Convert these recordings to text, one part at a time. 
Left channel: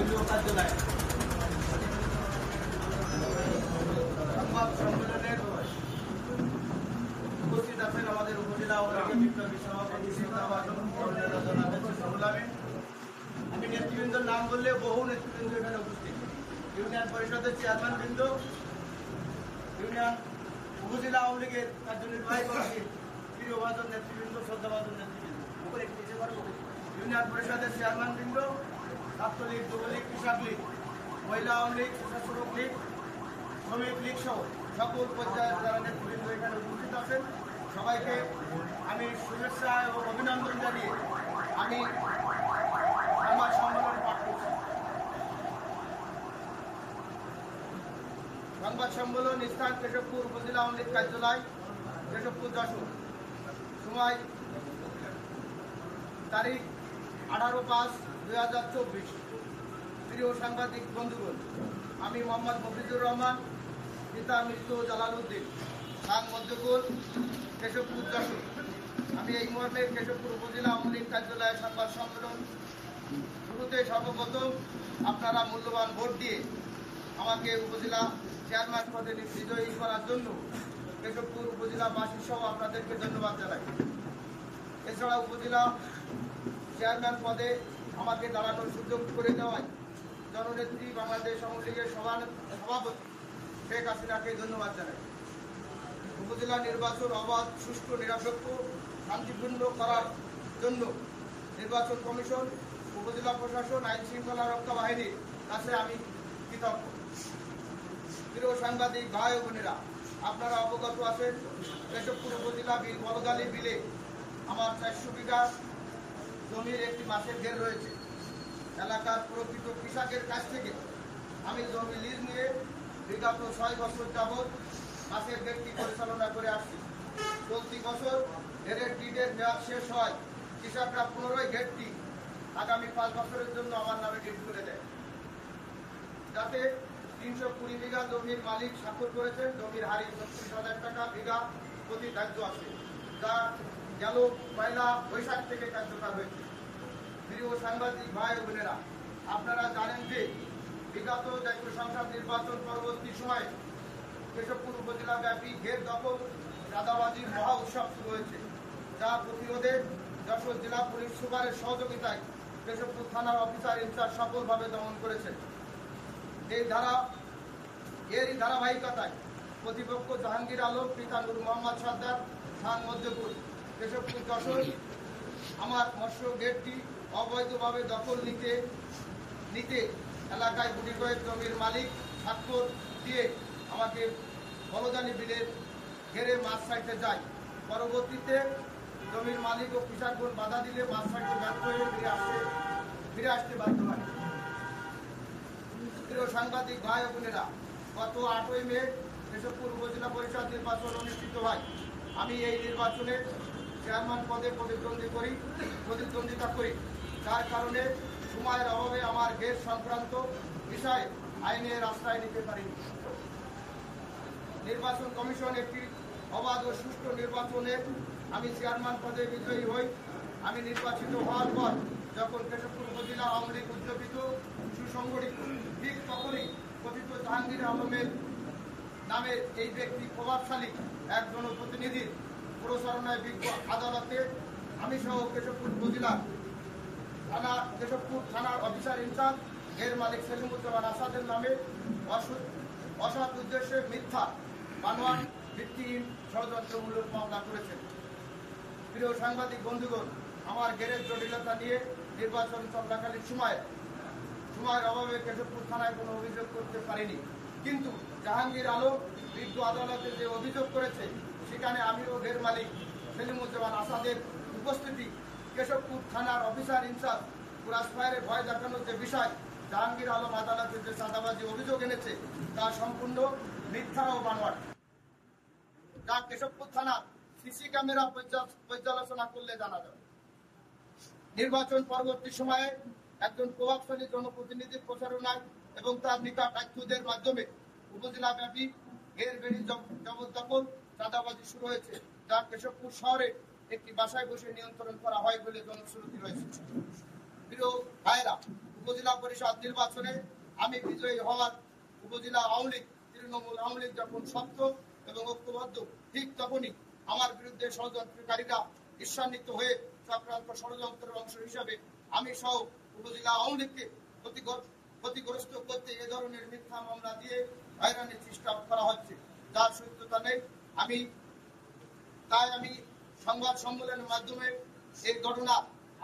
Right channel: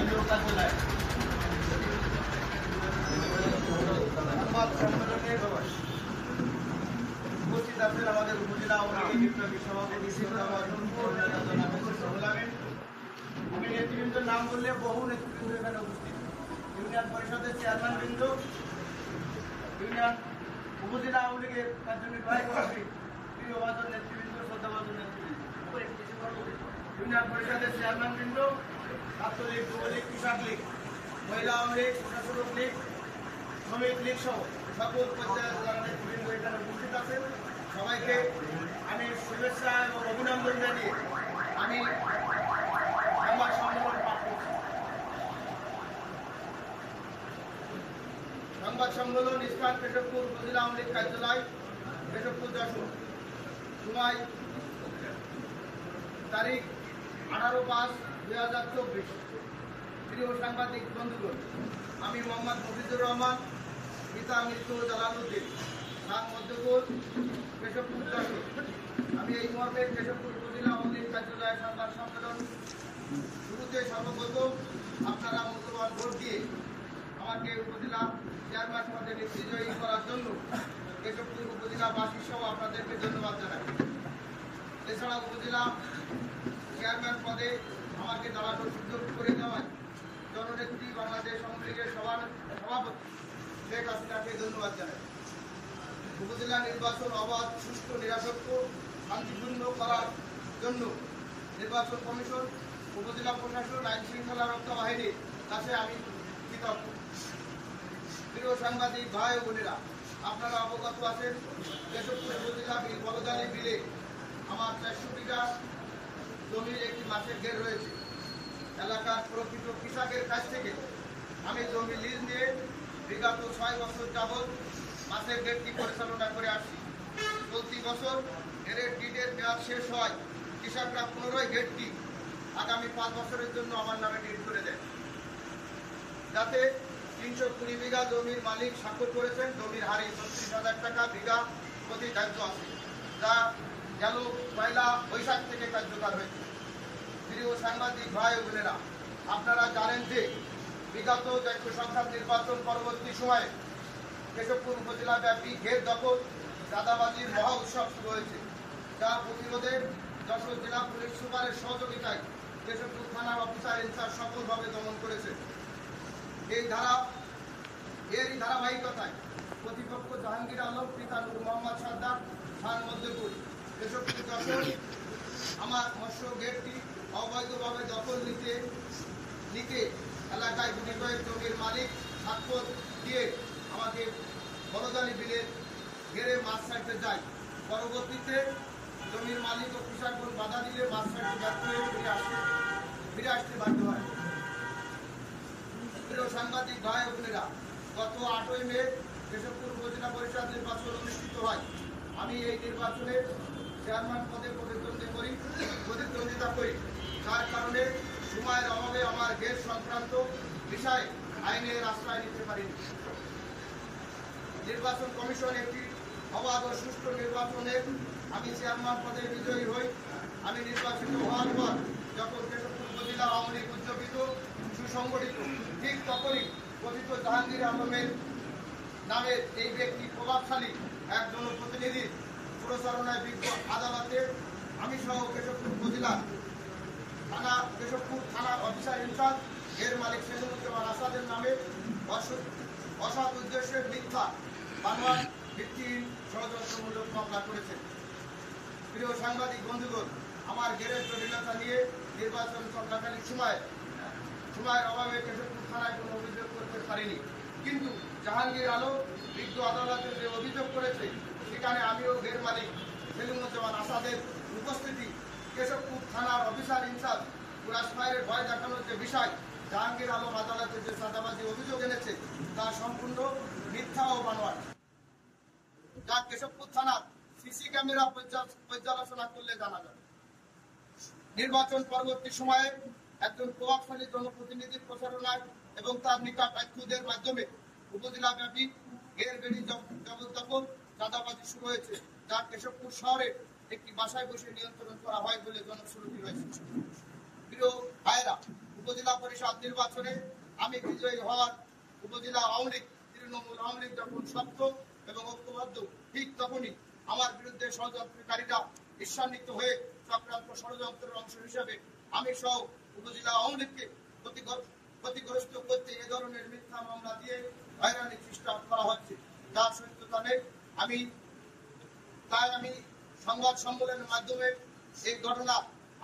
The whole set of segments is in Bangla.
কেন্দ্রীয় কার্যালয় সংবাদ সম্মেলনে উপস্থিত আছেন আমাদের উপজেলা বিপ্লবী সভাপতি আমি নেতৃবৃন্দের নাম বললে বহু নেতৃবৃন্দ এখানে উপস্থিত, ইউনিয়ন পরিষদের চেয়ারম্যান বৃন্দ, ইউনিয়ন উপজেলা আওয়ামী লীগের কার্যনির্বাহী কমিটির প্রিয়ভাজন নেতৃবৃন্দ, শ্রদ্ধাভাজন নেতৃবৃন্দ, ইউনিয়ন পরিষদের চেয়ারম্যান বৃন্দ, ছাত্রলীগ, যুবলীগ, কৃষক লীগ, মহিলা আওয়ামী লীগ, প্রশাসক লীগ, শ্রমিক লীগ সহ সকল পর্যায়ের যারা নেতৃবৃন্দ এখানে উপস্থিত আছেন সবাইকে আমি শুভেচ্ছা এবং অভিনন্দন জানিয়ে আমি সংবাদ সম্মেলন পাঠ করছি। সংবাদ সম্মেলন স্থান কেশবপুর উপজেলা আওয়ামী লীগ কার্যালয়, কেশবপুর যশোর। সময় তারিখ 18/5/2024। প্রিয় সাংবাদিক বন্ধুগণ, আমি মোহাম্মদ মফিজুর রহমান, পিতা মৃত্যু জালালউদ্দিন, নাম মধ্যপুর, কেশবপুর যশোর। আমি এই মর্মে কেশবপুর উপজেলা আওয়ামী লীগ কার্যালয়ের সংবাদ সম্মেলন শুরুতে সর্বপ্রথম আপনারা মূল্যবান ভোট দিয়ে আমাকে উপজেলা চেয়ারম্যান পদে বিজয়ী করার জন্য কেশবপুর উপজেলাবাসী সহ আপনাদেরকে ধন্যবাদ জানাই। এছাড়া উপজেলা চেয়ারম্যান পদে আমাকে দাঁড়ানোর সুযোগ করে দেওয়ায় জননেত্রী বাংলাদেশ আওয়ামী লীগের সভাপতি শেখ হাসিনাকে ধন্যবাদ জানাই। উপজেলা নির্বাচন অবাধ, সুষ্ঠু, নিরপেক্ষ, শান্তিপূর্ণ করার জন্য নির্বাচন কমিশন, উপজেলা প্রশাসন, আইন শৃঙ্খলা রক্ষা বাহিনীর কাছে আমি কৃতজ্ঞ। প্রিয় সাংবাদিক ভাই ও বোনেরা, আপনারা অবগত আছেন কেশবপুর উপজেলা বলদালি বিলে আমার 400 বিঘা জমির একটি মাছের ঘের রয়েছে। এলাকার প্রকৃত কৃষকের কাছ থেকে আমি জমি লিজ নিয়ে বিগত 6 বছর যাবৎ মাছের ঘেরটি পরিচালনা করে আসছি। চলতি বছর ঘেরের ডিডের মেয়াদ শেষ হয়, কৃষকরা পুনরায় ঘেরটি আগামী 5 বছরের জন্য আমার নামে ডিড করে দেয়। যাতে 320 বিঘা জমির মালিক স্বাক্ষর করেছেন। জমির হারি 36,000 টাকা বিঘা প্রতি ধার্য আছে, যা গেল 1 বৈশাখ থেকে কার্যকর হয়েছে। প্রিয় সাংবাদিক ভাই ও বোনেরা, আপনারা জানেন যে বিগত জাতীয় সংসদ নির্বাচন পরবর্তী সময়ে কেশবপুর উপজেলা ব্যাপী ঘের দখল, চাঁদাবাজির মহা উৎসব শুরু হয়েছে, যা প্রতিরোধে যশোর জেলা পুলিশ সুপারের সহযোগিতায় কেশবপুর থানার অফিসার ইনচার্জ সফলভাবে দমন করেছে। এরই ধারাবাহিকতায় প্রতিপক্ষ জাহাঙ্গীর আলম, পিতা নূর মোহাম্মদ সর্দার, খান মধ্যপুর, কেশবপুর যশোর আমার মৎস্য গেটটি অবৈধভাবে দখল নিতে এলাকায় গুটি কয়েক জমির মালিক স্বাক্ষর দিয়ে আমাকে বলদালি বিলের ঘেরে মাছ ছাড়তে যায়। পরবর্তীতে জমির মালিক ও কৃষকগণ বাধা দিলে মাছ ছাড়তে ব্যর্থ হয়ে ফিরে আসতে বাধ্য হয়। প্রিয় সাংবাদিক ভাই ও বোনেরা, গত 8ই মে কেশবপুর উপজেলা পরিষদ নির্বাচন অনুষ্ঠিত হয়। আমি এই নির্বাচনে চেয়ারম্যান পদে প্রতিদ্বন্দ্বিতা করি। তার কারণে সময়ের অভাবে আমার ঘের সংক্রান্ত বিষয়ে আইনের আশ্রয় নিতে পারিনি। নির্বাচন কমিশন একটি অবাধ ও সুষ্ঠু নির্বাচনে আমি চেয়ারম্যান পদে বিজয়ী হই। আমি নির্বাচিত হওয়ার পর যখন কেশবপুর উপজেলা আওয়ামী লীগ উদ্যোগিত, সুসংগঠিত, ঠিক তখনই কথিত জাহাঙ্গীর আলমের নামের এই ব্যক্তি প্রভাবশালী এক জনপ্রতিনিধির প্রচারণায় বিজ্ঞ আদালতে আমি সহ কেশবপুর থানার অফিসার ইনচার্জ এর মালিক সেলিমুজ্জামান আসাদের নামে অসৎ উদ্দেশ্যে মিথ্যা বানোয়াট ভিত্তিহীন ষড়যন্ত্রমূলক মামলা করেছেন। প্রিয় সাংবাদিক বন্ধুগণ, আমার ঘেরের জটিলতা নিয়ে নির্বাচন চলাকালীন সময়ের অভাবে কেশবপুর থানায় কোনো অভিযোগ করতে পারিনি। কিন্তু জাহাঙ্গীর আলম বিজ্ঞ আদালতে যে অভিযোগ করেছে, সেখানে আমিও ঘের মালিক সেলিমুজ্জামান আসাদের উপস্থিতি, কেশবপুর থানার অফিসার ইনচার্জ পুরাস ফায়ারের ভয় দেখানোর যে বিষয় জাহাঙ্গীর আলম আদালতে যে চাঁদাবাজি অভিযোগ এনেছে, তা সম্পূর্ণ মিথ্যা ও বানোয়াট, যা কেশবপুর থানার সিসি ক্যামেরা পর্যালোচনা করলে জানা যাবে। নির্বাচন পরবর্তী সময়ে একজন প্রভাবশালী জনপ্রতিনিধির প্রচারণায় এবং তার নিকট আত্মীয়দের মাধ্যমে উপজেলাব্যাপী ঘের বেড়ি জবরদখল, চাঁদাবাজি শুরু হয়েছে, যা কেশবপুর শহরে একটি বাসায় বসে নিয়ন্ত্রণ করা হয় বলে জনশ্রুতি হয়েছে। প্রিয় ভাইয়েরা, উপজেলা পরিষদ নির্বাচনে আমি বিজয়ী হওয়ার উপজেলা আওয়ামী লীগ, তৃণমূল আওয়ামী লীগ যখন শক্ত এবং ঐক্যবদ্ধ, ঠিক তখনই আমার বিরুদ্ধে ষড়যন্ত্রকারীরা ঈর্ষান্বিত হয়ে চক্রান্ত ষড়যন্ত্রের অংশ হিসেবে আমি সহ উপজেলা আওয়ামী লীগকে ক্ষতিগ্রস্ত করতে এ ধরনের মিথ্যা মামলা দিয়ে হয়রানির চেষ্টা করা হচ্ছে, যার সত্যতা নেই। তাই আমি সংবাদ সম্মেলনের মাধ্যমে এই ঘটনা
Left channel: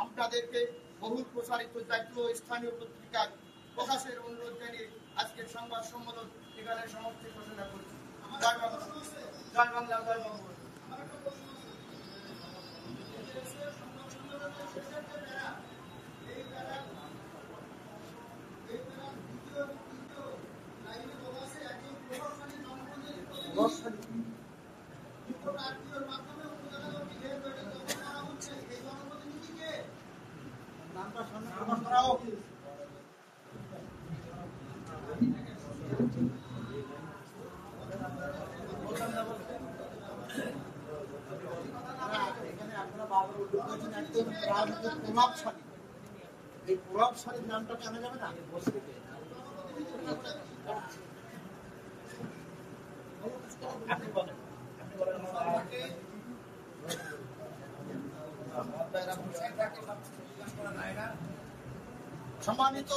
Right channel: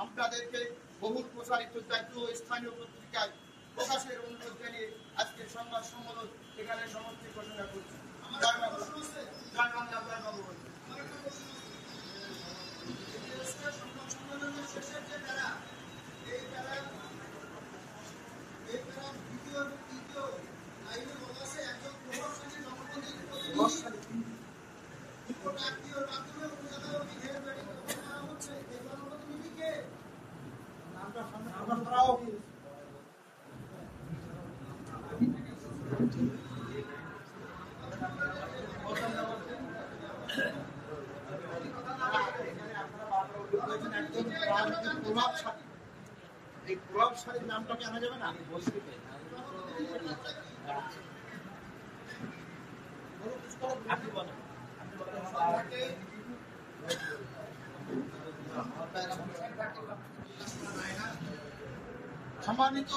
আপনাদেরকে বহুল প্রসারিত জাতীয় ও স্থানীয় পত্রিকায় প্রকাশের অনুরোধ জানিয়ে আজকের সংবাদ সম্মেলন এখানে সমাপ্তি ঘোষণা করছি। জয় বাংলা, জয় বাংলা। এই প্রভাবশালীর নামটা জানা যাবে না? আপনি বলেন। সম্মানিত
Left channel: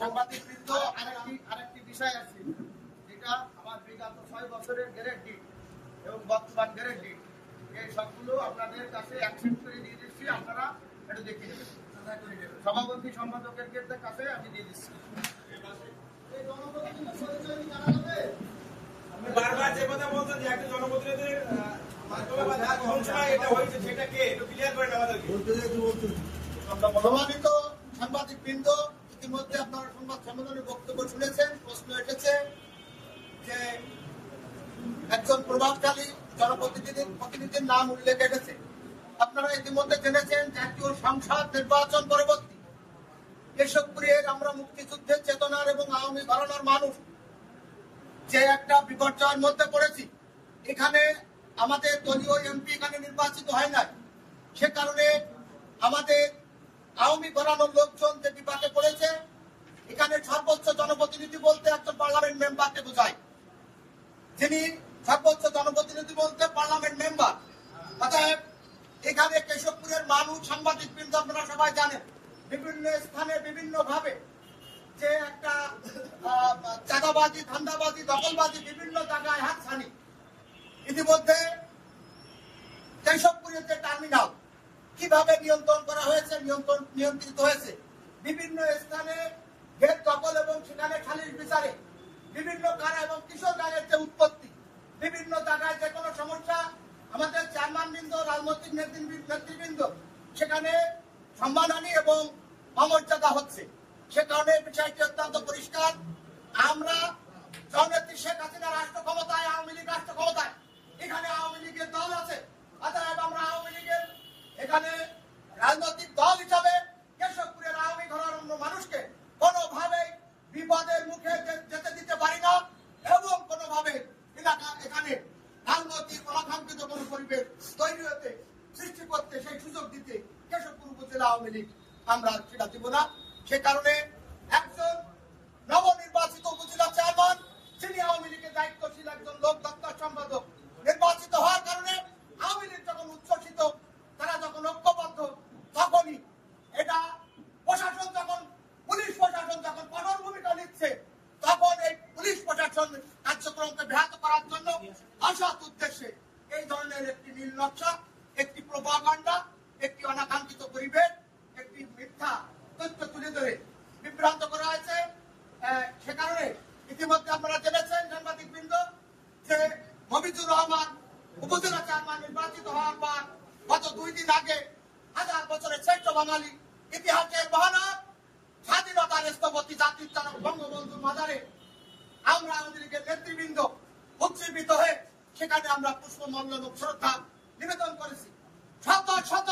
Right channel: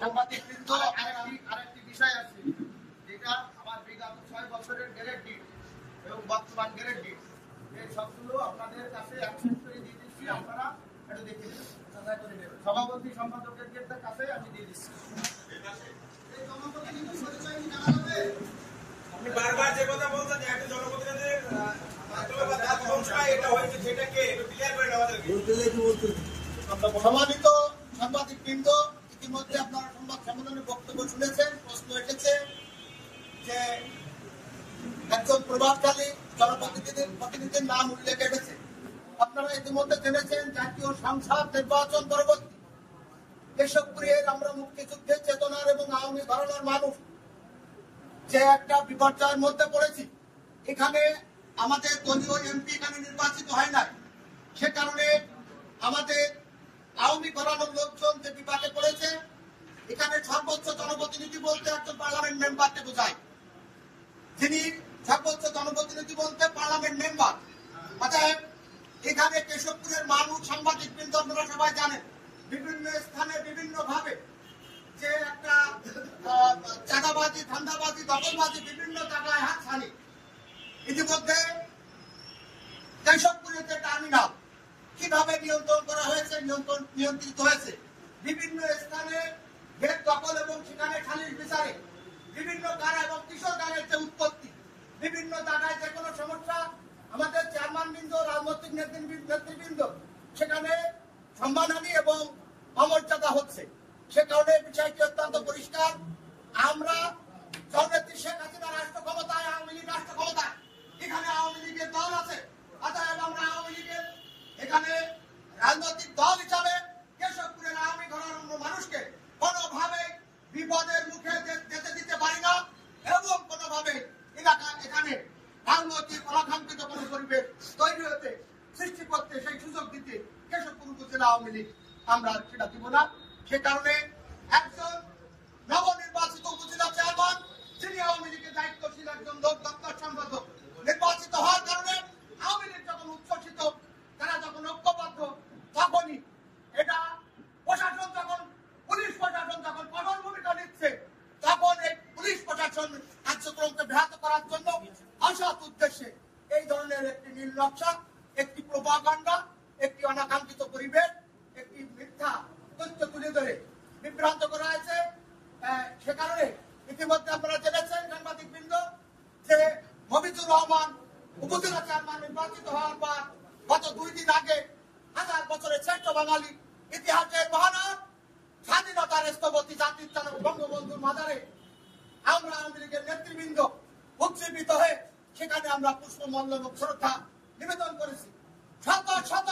সাংবাদিকবৃন্দ, আরেকটি বিষয় আছে যেটা আমার বিগত 6 বছরের গ্যারেন্টি এবং বর্তমান গ্যারেন্টি, এই সবগুলো আপনাদের কাছে অ্যাকসেপ্ট করে দিয়ে দিচ্ছি। আপনারা একটু দেখে নেবেন, সভাপতি সম্পাদকের কাছে আমি দিয়ে দিচ্ছি। বারবার যে কথা বলছেন যে একটা জনপ্রতিনিধির এটা হয়েছে, সেটা কে একটু ক্লিয়ার করে দেওয়া যাবে। সম্মানিত সাংবাদিকবৃন্দ, ইতিমধ্যে আপনারা সংবাদ সম্মেলনে বক্তব্য শুনেছেন। প্রশ্ন এসেছে যে একজন প্রভাবশালী জনপ্রতিনিধির নাম উল্লেখ এসেছে। আপনারা ইতিমধ্যে জেনেছেন জাতীয় সংসদ নির্বাচন পরবর্তী কেশবপুরের আমরা মুক্তিযুদ্ধের চেতনার এবং আওয়ামী ঘরানার মানুষ যে একটা বিপর্যয়ের মধ্যে পড়েছি। এখানে আমাদের দলীয় এমপি এখানে নির্বাচিত হয় নাই, সে কারণে আমাদের আওয়ামী ঘরানোর লোকজন যে বিপাকে পড়েছে। এখানে সর্বোচ্চ জনপ্রতিনিধি বলতে একজন পার্লামেন্ট মেম্বারকে বোঝায়, যিনি সর্বোচ্চ জনপ্রতিনিধি বলতে পার্লামেন্ট মেম্বার। অতএব এখানে কেশবপুরের মানুষ, সাংবাদিকবৃন্দ আপনারা সবাই জানেন, বিভিন্ন স্থানে বিভিন্ন ভাবে যে একটা চাঁদাবাজি, ধান্দাবাজি, দখলবাজি বিভিন্ন জায়গায় হাতছানি। ইতিমধ্যে কেশবপুরের যে টার্মিনাল কিভাবে নিয়ন্ত্রণ করা হয়েছে, নিয়ন্ত্রিত হয়েছে, বিভিন্ন স্থানে গেট দখল এবং সেখানে খালির বিচারে বিভিন্ন কারা এবং কিশোর গানের যে উৎপত্তি, বিভিন্ন জায়গায় যে কোনো সমস্যা আমাদের চেয়ারম্যান বৃন্দ, রাজনৈতিক নেতৃবৃন্দ সেখানে সম্মানহানি এবং অমর্যাদা হচ্ছে। সে কারণে বিষয়টি অত্যন্ত পরিষ্কার। আমরা জননেত্রী শেখ হাসিনা রাষ্ট্র ক্ষমতায়, আওয়ামী লীগ রাষ্ট্র ক্ষমতায়, এখানে আওয়ামী লীগের দল আছে। অতএব আমরা আওয়ামী লীগের এখানে রাজনৈতিক দল হিসাবে কেশবপুরের আওয়ামী ঘরানার মানুষকে কোনোভাবে বিপদের মুখে যেতে দিতে পারি না এবং কোনোভাবে এখানে রাজনৈতিক অনাকাঙ্ক্ষিত কোনো পরিবেশ তৈরি হতে, সৃষ্টি করতে, সেই সুযোগ দিতে কেশবপুর উপজেলা আওয়ামী লীগ আমরা সেটা দিব না। সে কারণে একজন নবনির্বাচিত উপজেলা চেয়ারম্যান, যিনি আওয়ামী লীগের দায়িত্বশীল একজন লোক, দপ্তর সম্পাদক নির্বাচিত হওয়ার কারণে আওয়ামী লীগ যখন উচ্ছ্বসিত, তারা যখন ঐক্যবদ্ধ, তখনই এটা প্রশাসন যখন, পুলিশ প্রশাসন যখন কঠোর ভূমিকা নিচ্ছে, তখন এই পুলিশ প্রশাসন কার্যক্রমকে ব্যাহত করার জন্য অসৎ উদ্দেশ্যে এই ধরনের একটি নীল নকশা, একটি প্রোপাগান্ডা, একটি অনাকাঙ্ক্ষিত পরিবেশ, একটি মিথ্যা তথ্য তুলে ধরে বিভ্রান্ত করা হয়েছে। সে কারণে ইতিমধ্যে আপনারা জেনেছেন সাংবাদিকবৃন্দ যে মফিজুর রহমান উপজেলা চেয়ারম্যান নির্বাচিত হওয়ার পর গত 2 দিন আগে 1000 বছরের শ্রেষ্ঠ বাঙালি, ইতিহাসের মহানায়ক, স্বাধীনতার স্থপতি জাতির জনক বঙ্গবন্ধুর মাজারে আমরা আওয়ামী লীগের নেতৃবৃন্দ উজ্জীবিত হয়ে সেখানে আমরা পুষ্পমাল্য এবং শ্রদ্ধা নিবেদন করেছি। শত শত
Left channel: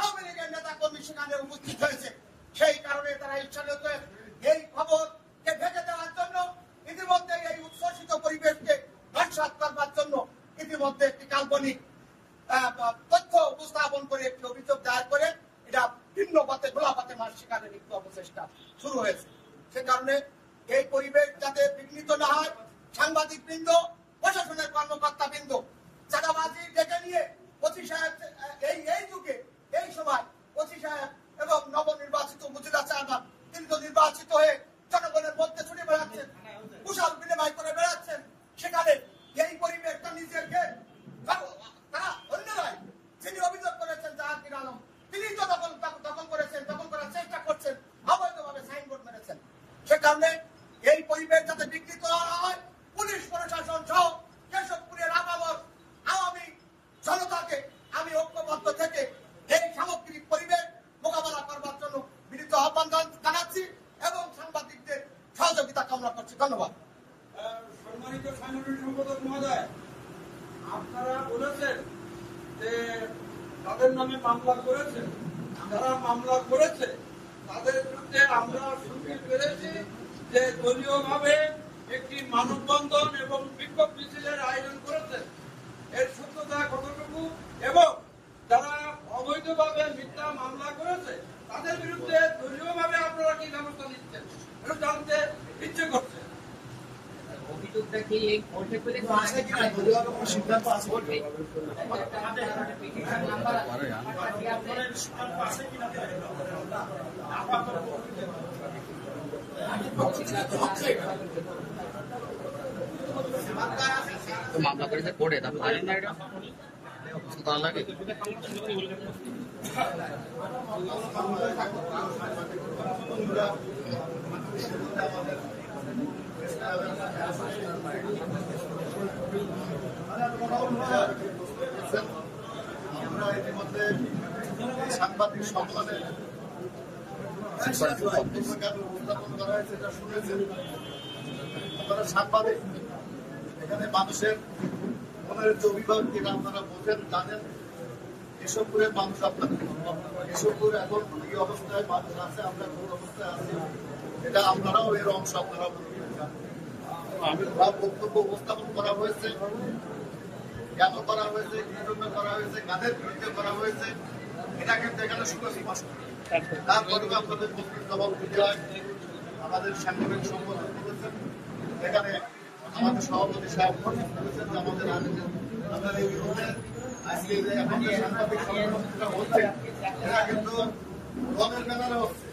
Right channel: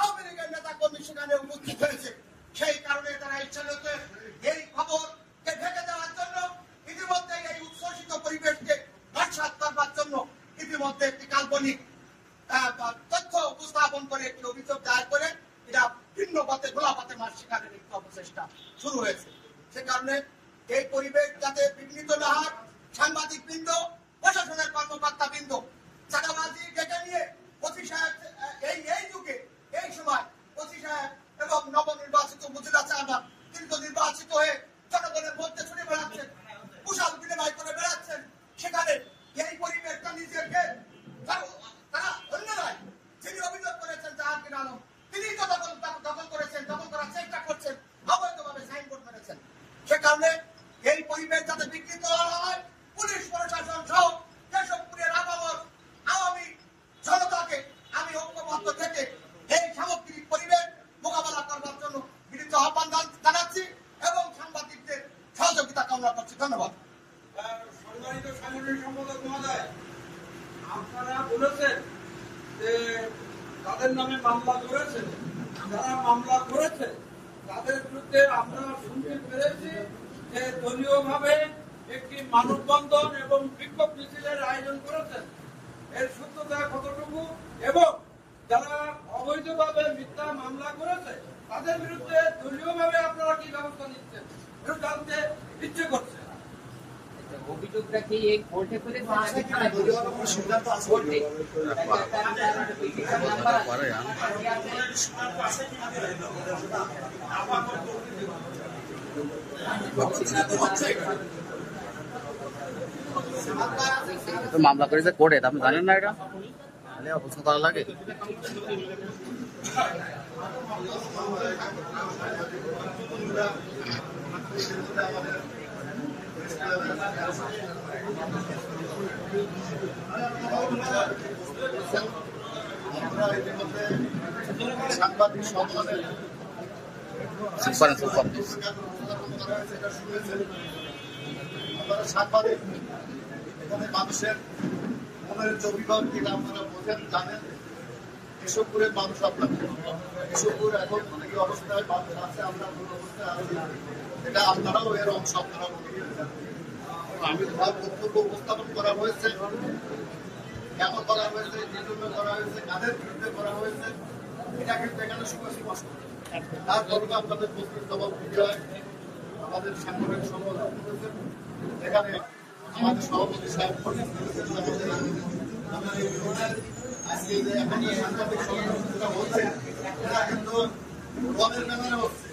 আওয়ামী লীগের নেতা কর্মী সেখানে উপস্থিত হয়েছে। সেই কারণে তারা ইচ্ছাকৃত এই খবরকে ঢেকে দেওয়ার জন্য, ইতিমধ্যে এই উচ্ছ্বসিত পরিবেশকে নস্যাৎ করবার জন্য ইতিমধ্যে একটি কাল্পনিক তথ্য উপস্থাপন করে একটি অভিযোগ দায়ের করে এটা ভিন্ন পথে, গোলা পথে মাস সেখানে লিপ্ত অবস্থা। চেষ্টা শুরু হয়েছে। সে কারণে এই পরিবেশ যাতে বিঘ্নিত না হয়, সাংবাদিক বৃন্দ, প্রশাসনের কর্মকর্তা বৃন্দ চাঁদাবাজি ডেকে নিয়ে ওসি সাহেব এই যুগে এই সময় ওসি সাহেব এবং নবনির্বাচিত উপজেলা চেয়ারম্যান তিনি তো নির্বাচিত হয়ে জনগণের মধ্যে ছুটে বেড়াচ্ছেন, কুশল বিনিময় করে বেড়াচ্ছেন। সেখানে এই পরিবেশটা নিজেকে তারা অন্য নয়, যিনি অভিযোগ করেছেন জাহাঙ্গীর আলম তিনি তো দখল করেছেন, দখল করার চেষ্টা করছেন, অবৈধভাবে সাইনবোর্ড মেরেছেন। সে কারণে এই পরিবেশ যাতে বিঘ্নিত না হয়, পুলিশ প্রশাসন সহ কেশবপুরের আওয়ামী জনতাকে আমি ঐক্যবদ্ধ থেকে এই সামগ্রিক পরিবেশ মোকাবেলা করবার জন্য বিনীত আহ্বান জানাচ্ছি এবং সাংবাদিকদের সহযোগিতা কামনা করছি। ধন্যবাদ। সম্মানিত সাংগঠনিক সম্পাদক মহোদয়, আপনারা বলেছেন যে তাদের নামে মামলা করেছে, যারা মামলা করেছে তাদের বিরুদ্ধে আমরা শুনতে পেরেছি যে দলীয়ভাবে একটি মানববন্ধন এবং বিক্ষোভ মিছিলের আয়োজন করেছেন। এর সত্যতা কতটুকু এবং যারা অবৈধভাবে মিথ্যা মামলা করেছে তাদের বিরুদ্ধে দলীয়ভাবে আপনারা কি ব্যবস্থা নিচ্ছেন এটা জানতে ইচ্ছে করছে। অভিযোগটা কি এই কোর্টে করে তো মামলা করেছে কোর্টে, আপনি জানেন না এটা অবস্থা করা লাগে। আমরা ইতিমধ্যে সাংবাদিক সম্মেলনের সেটা শুনেছেন। আপনারা সাংবাদিক, এখানে মানুষের মনের যে অভিভাবকরা আপনারা বোঝেন, জানেন কেশবপুরের মানুষ আপনাদের কেশবপুর এখন এই অবস্থায় মানুষ আছে, আমরা কোন অবস্থায় আছি এটা আপনারাও এর অংশ, আপনারা মনে করেন। আমি তার বক্তব্য উপস্থাপন করা হয়েছে, কেন করা হয়েছে, কি জন্য করা হয়েছে, কাদের বিরুদ্ধে করা হয়েছে, এটা কিন্তু এখানে সুস্পষ্ট। তারপরেও আপনাদের প্রশ্নের জবাব দিতে হয়। আমাদের সাংগঠনিক সম্পাদক করেছেন, এখানে আমাদের সভাপতি সাহেব আমাদের এই বিরুদ্ধে আজকে যে এখন সাংবাদিক সম্মেলন হচ্ছে এটা কিন্তু রঙের ব্যাপারে হচ্ছে।